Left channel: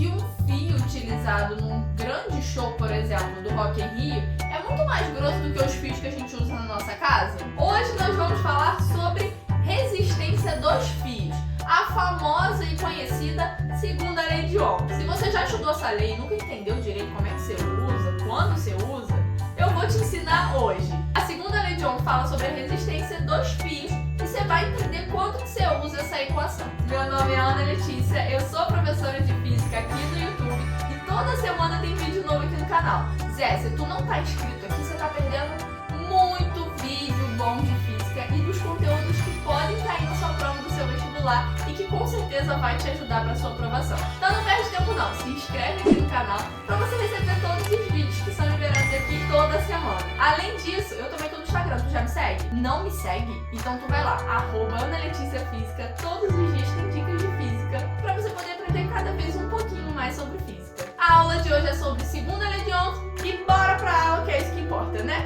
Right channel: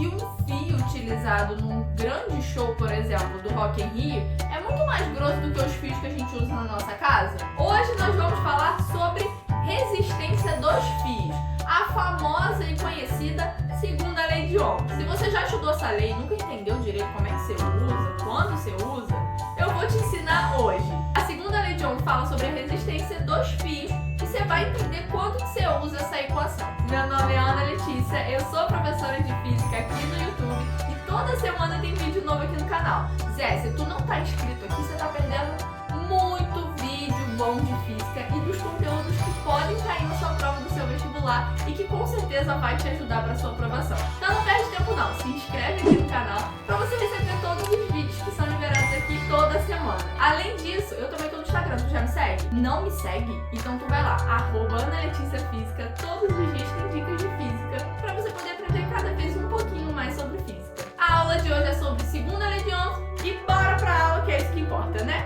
que um fio utilizado num grande show, por exemplo, do Rock in Rio, é muito mais grosso do que os fios que a gente usa na nossa casa? Hoje nós vamos falar sobre resistência dos fios, a famosa e conhecida segunda lei de Ohm. Se você já estudou essa lei e nunca entendeu direito como é que você usa, quando você usa, eu vou te ensinar hoje. A segunda lei de Ohm fala sobre a resistência dos fios e você vai entender quando que você usa essa equação. Meu nome é Ana Letícia, eu sou professora de física aqui no YouTube e toda semana tem vídeo novo aqui no canal. Zé, se tu não tá inscrito aqui, você tá perdendo muito vídeo bom de física e dos conteúdos que podem cair na sua prova do seu vestibular e que com certeza vai te ajudar para sua aprovação. Então não perde tempo não, se inscreve aqui no canal para você receber todos os vídeos que são liberados aqui toda semana. Além disso, eu também tô no Instagram, tu já me segue? Não me segue? Então tu vai lá, @AnaLeticiaFísica, todos os dias tem dicas de física para você poder aprender cada vez um pouquinho mais sobre física. A aula de hoje é sobre segunda lei de Ohm e bora pra aula que é isso que importa, né?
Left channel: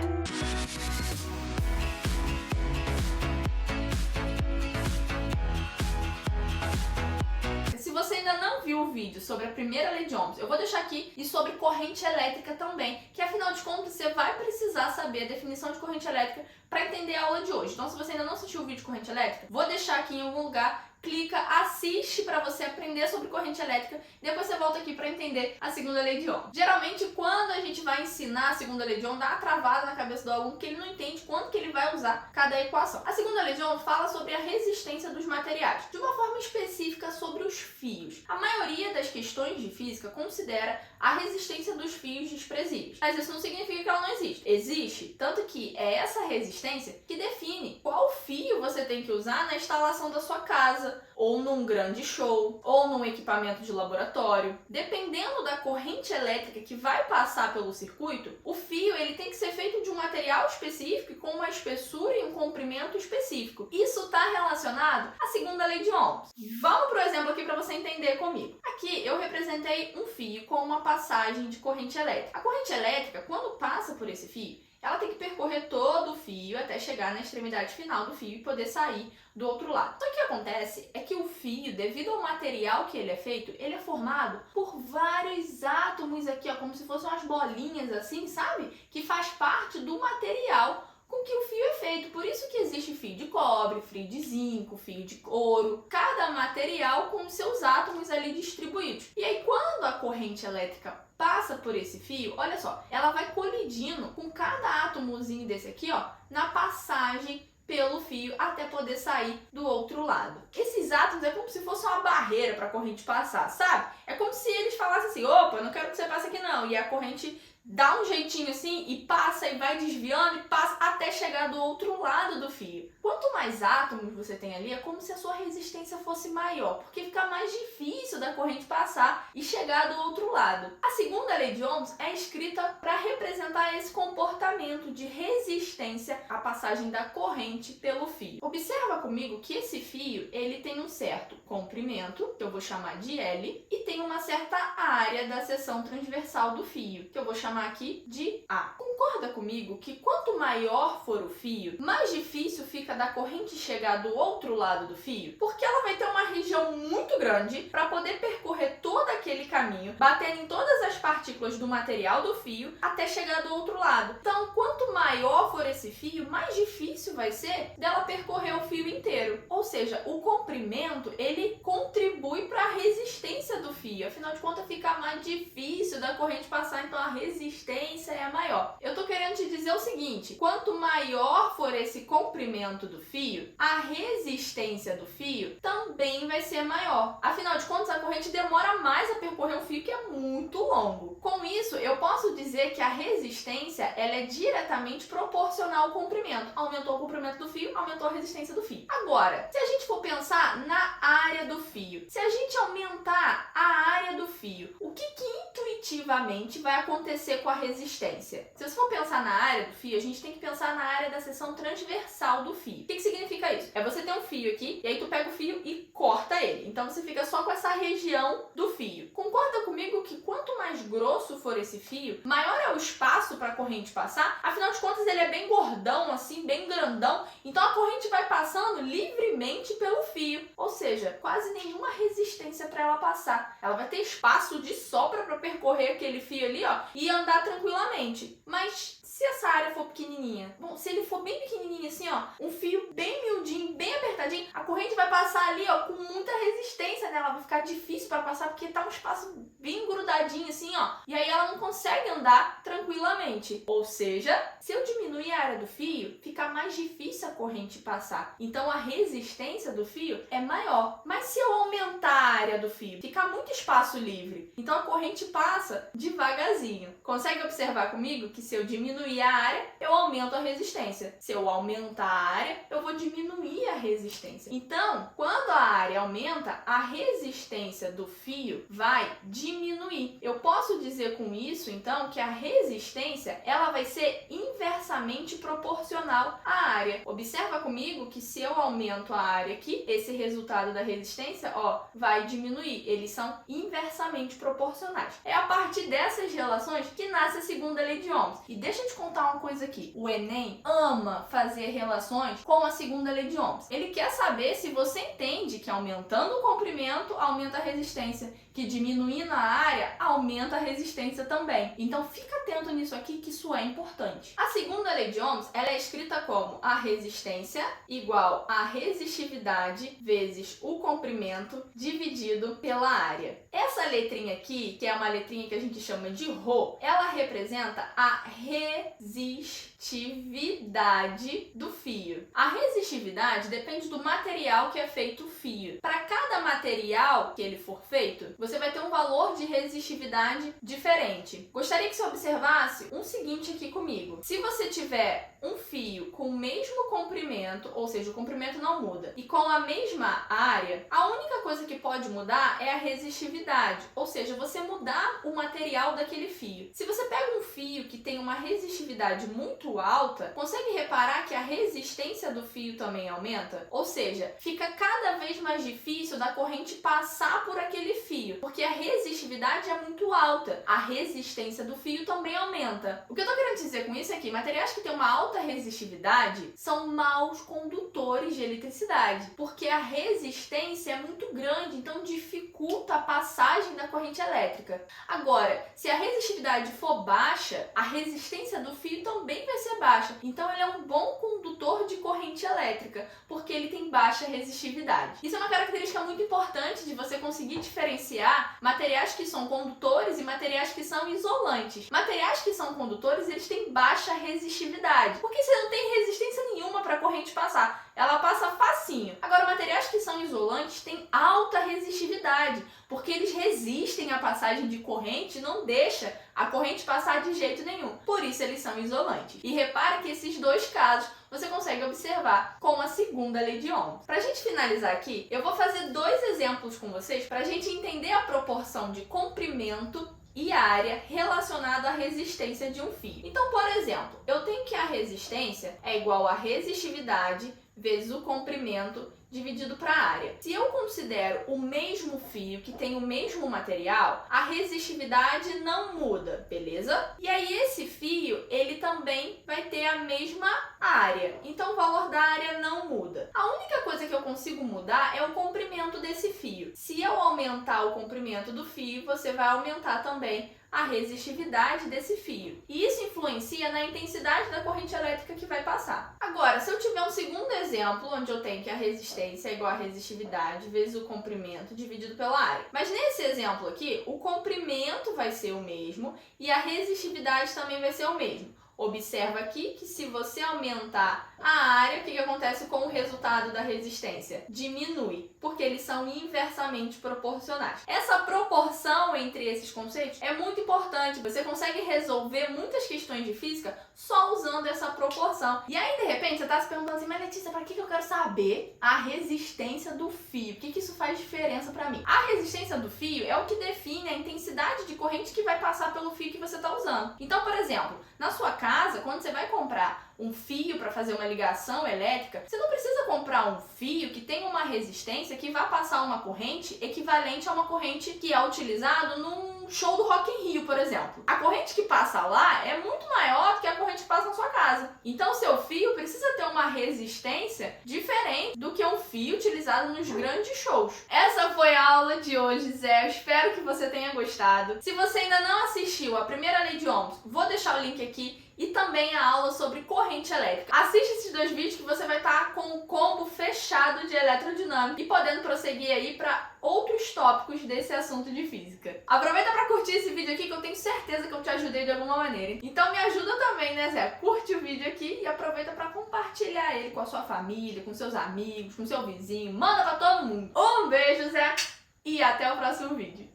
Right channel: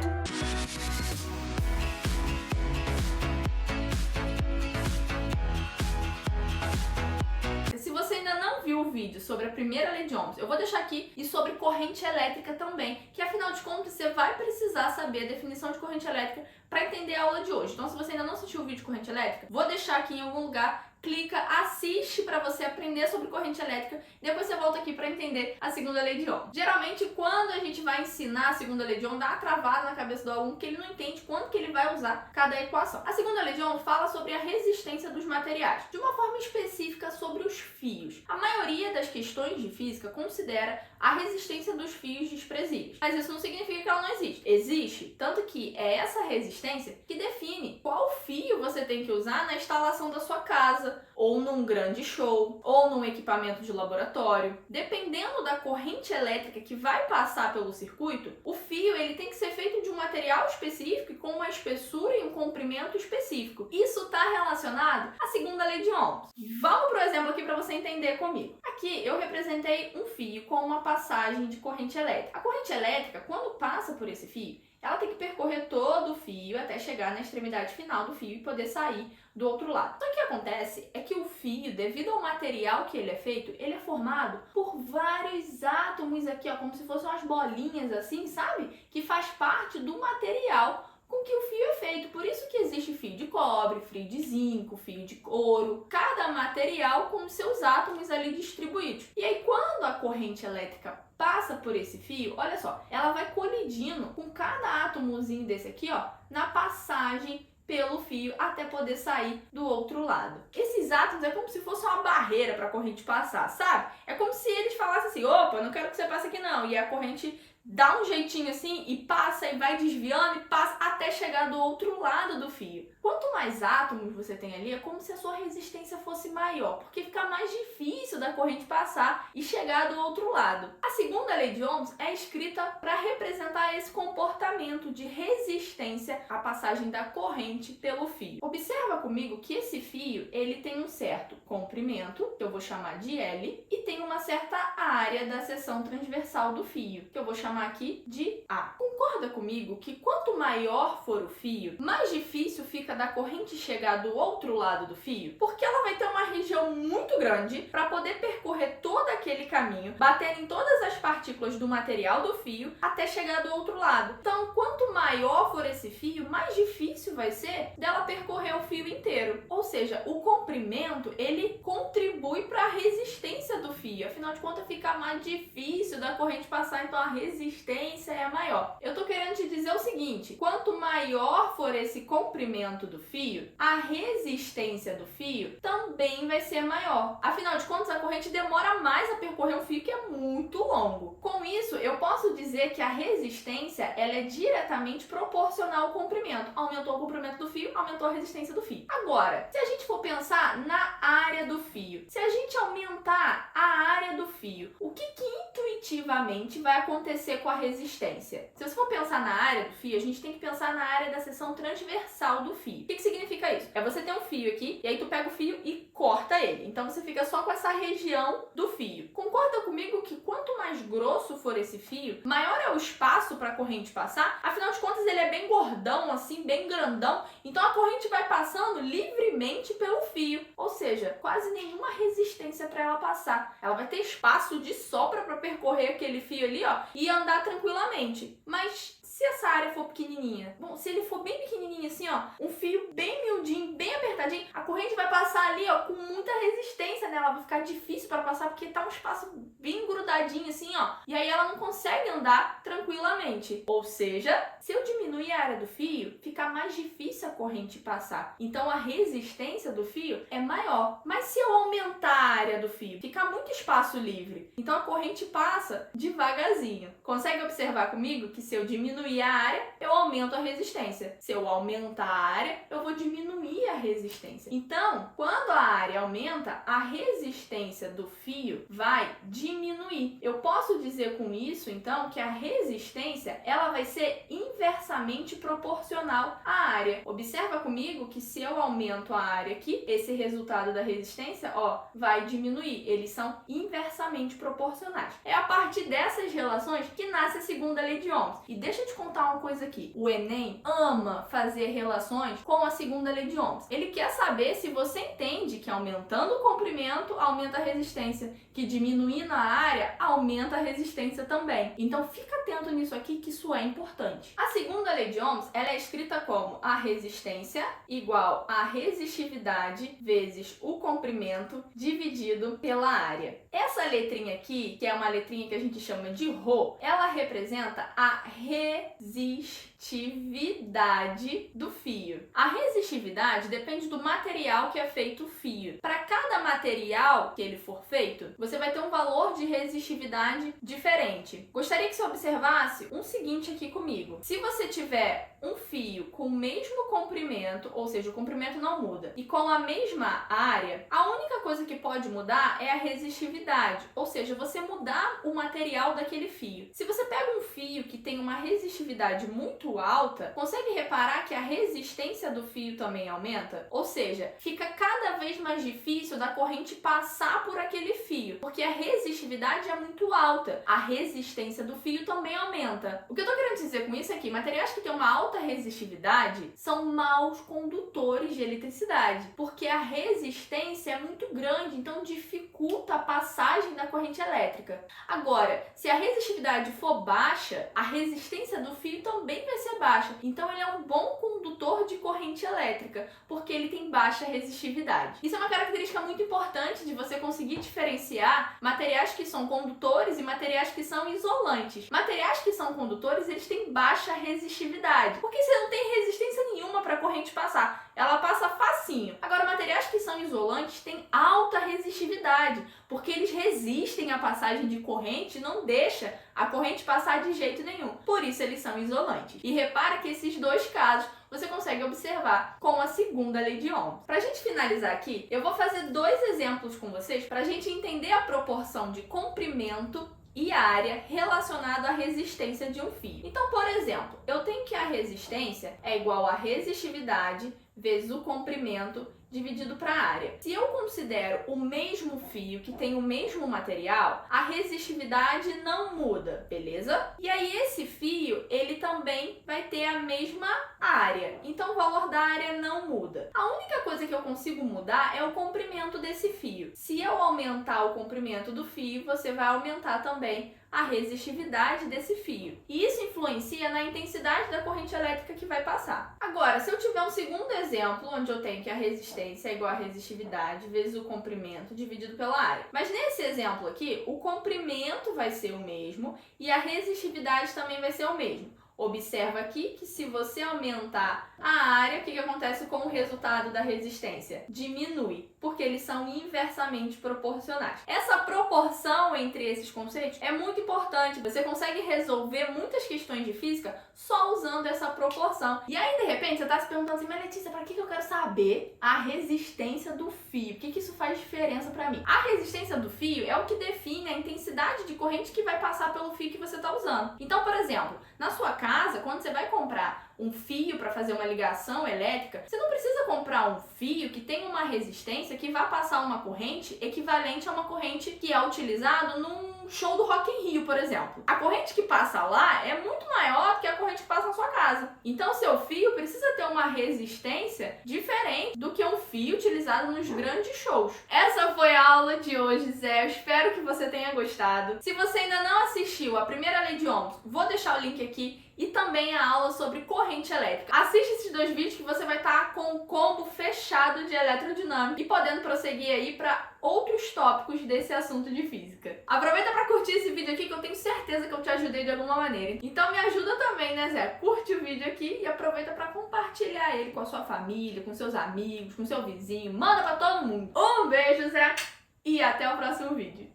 Se você ainda não viu o vídeo sobre a primeira lei de Ohm, eu vou deixar aqui, e sobre corrente elétrica também, que afinal de contas você vai precisar saber a definição de corrente elétrica para entender a aula de hoje. Então se você ainda não assistiu o vídeo de corrente elétrica, vou deixar aqui em algum lugar, clica, assiste para você aprender sobre corrente elétrica, depois você volta aqui para entender a segunda lei de Ohm. Geralmente quando a gente vai ensinar a segunda lei de Ohm, dá uma travada na cabeça do aluno que ele não entende quando que ele vai usar cada equação. A segunda lei de Ohm fala sobre a resistência dos materiais, de uma forma específica sobre os fios. A maioria das questões de física considera a resistência dos fios desprezíveis, mas isso não significa que ela não existe. Existe, tanto que é essa resistência que define qual fio você tem que usar na instalação da sua casa, ou num grande show, ou num equipamento de laboratório. Dependendo da corrente elétrica que vai passar pelo circuito, o fio ele tem que ser feito de um material específico e com uma espessura e um comprimento específico. Isso está relacionado à segunda lei de Ohm. Vamos para o exemplo aqui para você entender comigo. Aqui eu representei um fio com uma passagem de corrente elétrica. A corrente elétrica, quando passa por esse fio, ela tem que percorrer todo o fio até chegar na extremidade final do fio e poder sair do outro lado. Então o que acontece é que o fio, devido ao material que ele é feito, ele é formado por vários átomos aqui, ó, como se fossem umas bolinhas assim, sabe? Que faz parte do material com que o fio é feito. Por isso que existe fio de cobre, fio de zinco, fio de ouro, cada material com seus átomos ali distribuídos. E aí quando a corrente elétrica passa por esse fio, olha só, ela vai colidindo com cada átomozinho desse aqui, ó, na passagem pelo fio até poder sair do outro lado. Esses átomos é como se fosse uma barreira para a corrente passar, sabe? É como se eles falassem assim, opa, não quero que você passe aqui não, e a corrente dá um jeitinho assim e passa e vai desviando e passa até chegar do outro lado do fio. Quanto mais átomos você tem ali, é como se a sua resistência fosse maior, porque fica mais difícil da corrente passar e chegar do outro lado. A segunda lei de Ohm é escrita para representar esse comportamento de resistência à passagem da corrente pelo fio. Observa comigo que esse fio ele tem um certo comprimento, que eu vou chamar de L, e tem uma certa área da seção transversal do fio, que eu vou chamar aqui de A. Concorda comigo que quanto maior for o fio, mais difícil fica da corrente chegar do outro lado do fio? Porque ela vai ter uma região muito grande para poder percorrer todo aquele caminho, batendo em todas as partículas do material do fio até chegar do outro lado. Então, quanto maior for esse fio, mais difícil vai ser dela percorrer o fio inteiro. Ou seja, o comprimento, ele contribui para a resistência do fio. Afinal de contas, fica mais difícil da corrente passar, então a resistência é maior. Eu tô querendo te dizer o seguinte, quanto maior for esse comprimento do fio, a resistência do fio também vai ser maior. Afinal de contas, a corrente demora mais a percorrer um fio que é muito longo. Com isso, eu posso dizer que a resistência ela é diretamente proporcional ao comprimento. Aumentou o comprimento do fio, aumentou a resistência do fio. Agora, se a gente for pensar na área do fio, se a gente aumentar a área do fio, o que intuitivamente vai acontecer com a resistência? Se você for pensar na área do fio, a gente tem que pensar na área da seção transversal do fio. O que significa isso? É você ter um fio aqui, e aí tu pega o fio e corta ele. Então você fica só com essa região do fio. Concorda comigo que quanto mais grosso for esse fio, maior é o espaço para a corrente passar? Afinal de contas, ele é bem gordão, assim, bem grandão. Então a corrente vai passando livremente pelo fio. Ou seja, quase nenhuma resistência para ela passar. Ela vai ter espaço de sobra para percorrer aquele fio ali, ó, e andar tranquilamente. Mas se essa área for pequenininha, bom, se ele for bem pequenininho assim, ó, um fio bem miudinho, bem apertadinho, a corrente vai passar ali, ó, com muita resistência nela, vai ficar difícil para passar porque tá um espaço bem grudadinho assim, ó, e aí ela não consegue andar tranquilamente. Ou seja, se eu diminuir a área do fio, fica mais difícil a corrente passar. Então a resistência do fio é maior. Mas se eu aumentar a área do fio, fica muito espaço livre. Então a corrente passa devagarzinho. Consegue observar comigo que se eu diminuir a área, eu aumento a resistência. Se eu aumentar a área, eu vou diminuir a resistência. Então, quando a área aumenta, a resistência do fio vai diminuir. Eu posso dizer com isso, então, que a resistência ela vai ser inversamente proporcional à área. Observa comigo que se eu aumento a área aqui, esse resultado da resistência, ó, vai diminuir. Eles são inversamente proporcionais. É a partir dessas relações que nasce a segunda lei de Ohms. E deixa eu te contar uma coisa aqui. O Enem ama fazer relações com a segunda lei de Ohms. Ele quer saber se você entende que aumentando o comprimento, aumenta a resistência, que diminuindo a área, aumenta a resistência também. Então fica atento nisso aqui, que isso é importante. A segunda lei de Ohms, ela é escrita como a resistência igual a resistividade vezes o comprimento dividido pela área. Essa letrinha aqui, que é uma letrinha que a gente chama de Rho, ela representa a resistividade do fio. A resistividade depende do material que é feito o fio. Para cada material que ele for feito, você vai ter um valor de resistividade diferente. Gostaria que você observasse um seguinte aqui comigo. Se você tiver um fio com o mesmo comprimento, ou seja, o comprimento não muda, e com a mesma área, a única coisa que pode mudar é a resistividade, ou seja, você mudar o material daquele fio. Se você pega um fio que tem uma resistividade muito alta, consegue reparar que a resistência do fio também aumenta? Ou seja, fica cada vez mais difícil da corrente passar por aquele fio, porque a resistividade é muito alta. A resistência do fio também aumenta. O que eu tô querendo dizer com isso é que materiais que têm uma alta resistividade são maus condutores de eletricidade, porque a resistência é muito grande, então dificulta a passagem da corrente elétrica. Agora, se a resistividade for baixa, a resistência do fio também vai ser baixa, então ele é um bom condutor de corrente elétrica, porque ele tem baixa resistividade. Isso é uma característica muito importante de você conseguir diferenciar materiais que são condutores e materiais que são isolantes. Materiais que são condutores, eles têm baixa resistividade, porque você não tem resistência nenhuma para a corrente passar. Ela passa facinho. Agora, materiais que são isolantes têm alta resistividade, porque eles resistem à passagem de corrente e não deixa a corrente passar de jeito nenhum. Por isso, eles são isolantes. E repara que esses dois casos você consegue observar com a segunda lei de Ohms. Para a gente finalizar aqui, eu vou fazer dois exemplos com vocês para a gente entender a proporção de comprimento e área relacionado à resistência de um fio. Então, por exemplo, eu tenho que a resistência é igual a resistividade vezes o comprimento dividido para a área. Se eu considero o mesmo fio, que tem o mesmo material, a resistividade não muda, beleza? E aí esse fio, ele também vai ter a mesma área, então o valor da área não muda. A única coisa que eu consigo mudar é o comprimento desse fio. Se eu aumentar o comprimento do fio, você vai aumentar também a resistividade desse fio. E isso influencia na intensidade da corrente elétrica que vai passar. Agora, se eu tiver um segundo exemplo, onde eu tenho que a resistência é igual a resistividade vezes o comprimento dividido pela área. Mas nesse exemplo aqui, o comprimento vai ser o mesmo e a resistividade também vai ser o mesmo. Observa aqui que se você aumentar a área, o que acontece com o resultado da resistência? Diminui, porque eles são inversamente proporcionais. Essa proporção entre esses conceitos é muito importante. Você consegue resolver muitas questões de física só usando essa proporção. E aí, de repente, você está se perguntando assim, mas Letícia, para que eu quero saber a resistência do fio? O que isso faz diferença para mim? A resistência do fio é o que define a intensidade de corrente que vai passar pelo fio que você está usando. Então, por exemplo, na sua casa, quando você vai comprar um fio para fazer uma ligação elétrica, você não precisa comprar um fio que tem uma resistência que vai passar uma corrente equivalente a uma corrente que é utilizado num show do Rock in Rio, por exemplo. A corrente que passa lá é muito maior do que a corrente que passa na sua casa. Então, seu fio precisa ter uma resistência diferente do que um fio utilizado nos grandes shows. Essa foi a aula de hoje, Zé. Eu espero que você tenha gostado. Se você ainda não assistiu a primeira lei de Ohms, vou deixar o link aqui e também a aula sobre corrente elétrica. Assiste esses 2 vídeos que você vai estar com um combo fechado de eletrodinâmica e podendo prosseguir aí para outros tópicos desse assunto de física. Aproveita para curtir esse vídeo aqui que eu tenho certeza que eu te ajudei de alguma maneira. Então me ajuda também, né, Zé? Curte o vídeo aqui e aproveita para compartilhar ele com a sua família, com seus amigos, com seu vizinho. Manda para todo mundo. Um beijo, Zé, e até o próximo vídeo.